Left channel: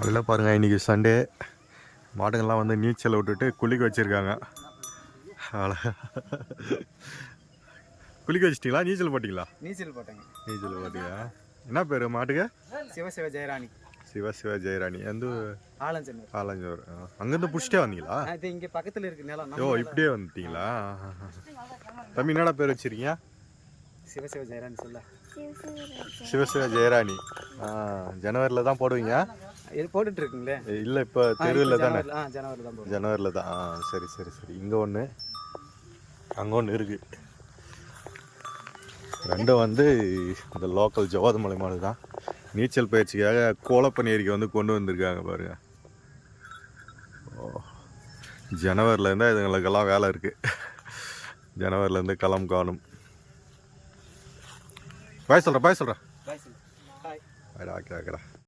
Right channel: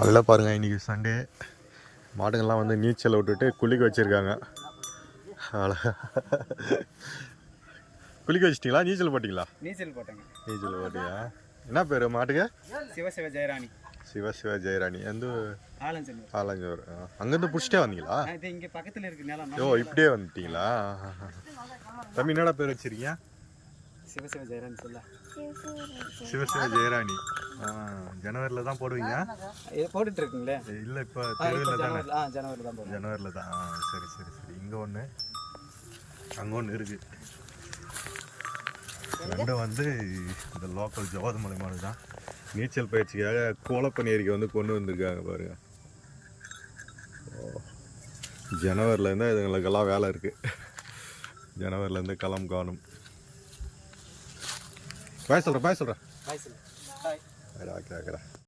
நல்லா பாருங்கள், இன்றைக்கி சண்டே. மாடுங்கள்லாம் வந்து நீச்சல் விட்டுட்டு குளிக்க வச்சுருக்காங்க. குளிக்க வச்சிட்டிங்களா? நீச்சல் போட்டிங்களா? நீச்சல் போட்டேங்க. நீச்சல் போட்டியா? என்ன பேர் மாட்டுக்கு? சிவசிவ ஜெயராணி. சிவசிவ ஜெயராணி. வந்து ஆலஞ்சனூர். ஆலஞ்சூர். அங்கேருந்து பிடிச்சிட்டே வந்தீங்களா? இது இங்கே பக்கத்தில் இருக்கு நிலம். ஓ, இப்படியே வந்துட்டீங்களா? தம்பி என்னடா பேர் வச்சிருக்கீங்க? சிவசிவ ஜெயராணி சொல்ல. சிவசிவ ஜெயராணி. ஜனவரியில் தான் போடுவீங்க? இது போட்டுட்டு இருக்குங்களே. இல்லை, இப்போ தெருவில் தானே? ஜனவரி தான் போடுவோம். ஜனவரியில் தான். சரி சரி சரி. இங்கே ஒன்று, அங்கே ஒன்று இருக்குது. ரெண்டும் வந்து இந்த லோக்கல் ஜவாதுமலை மாடு தான். நீச்சல் பயிற்சிக்காக கோலப்பன் ஏரிக்கு வந்து கொண்டு வந்திருக்காங்க பாருங்க. ஜனவரிலேருந்து இதுங்களுக்கெல்லாம் வேலை இருக்குது. ஜனவரிலேருந்து களம் காணும். பாய் சொல்கிறேன். பாய் சொல்லு. பாய். ஆக்கிறேன்.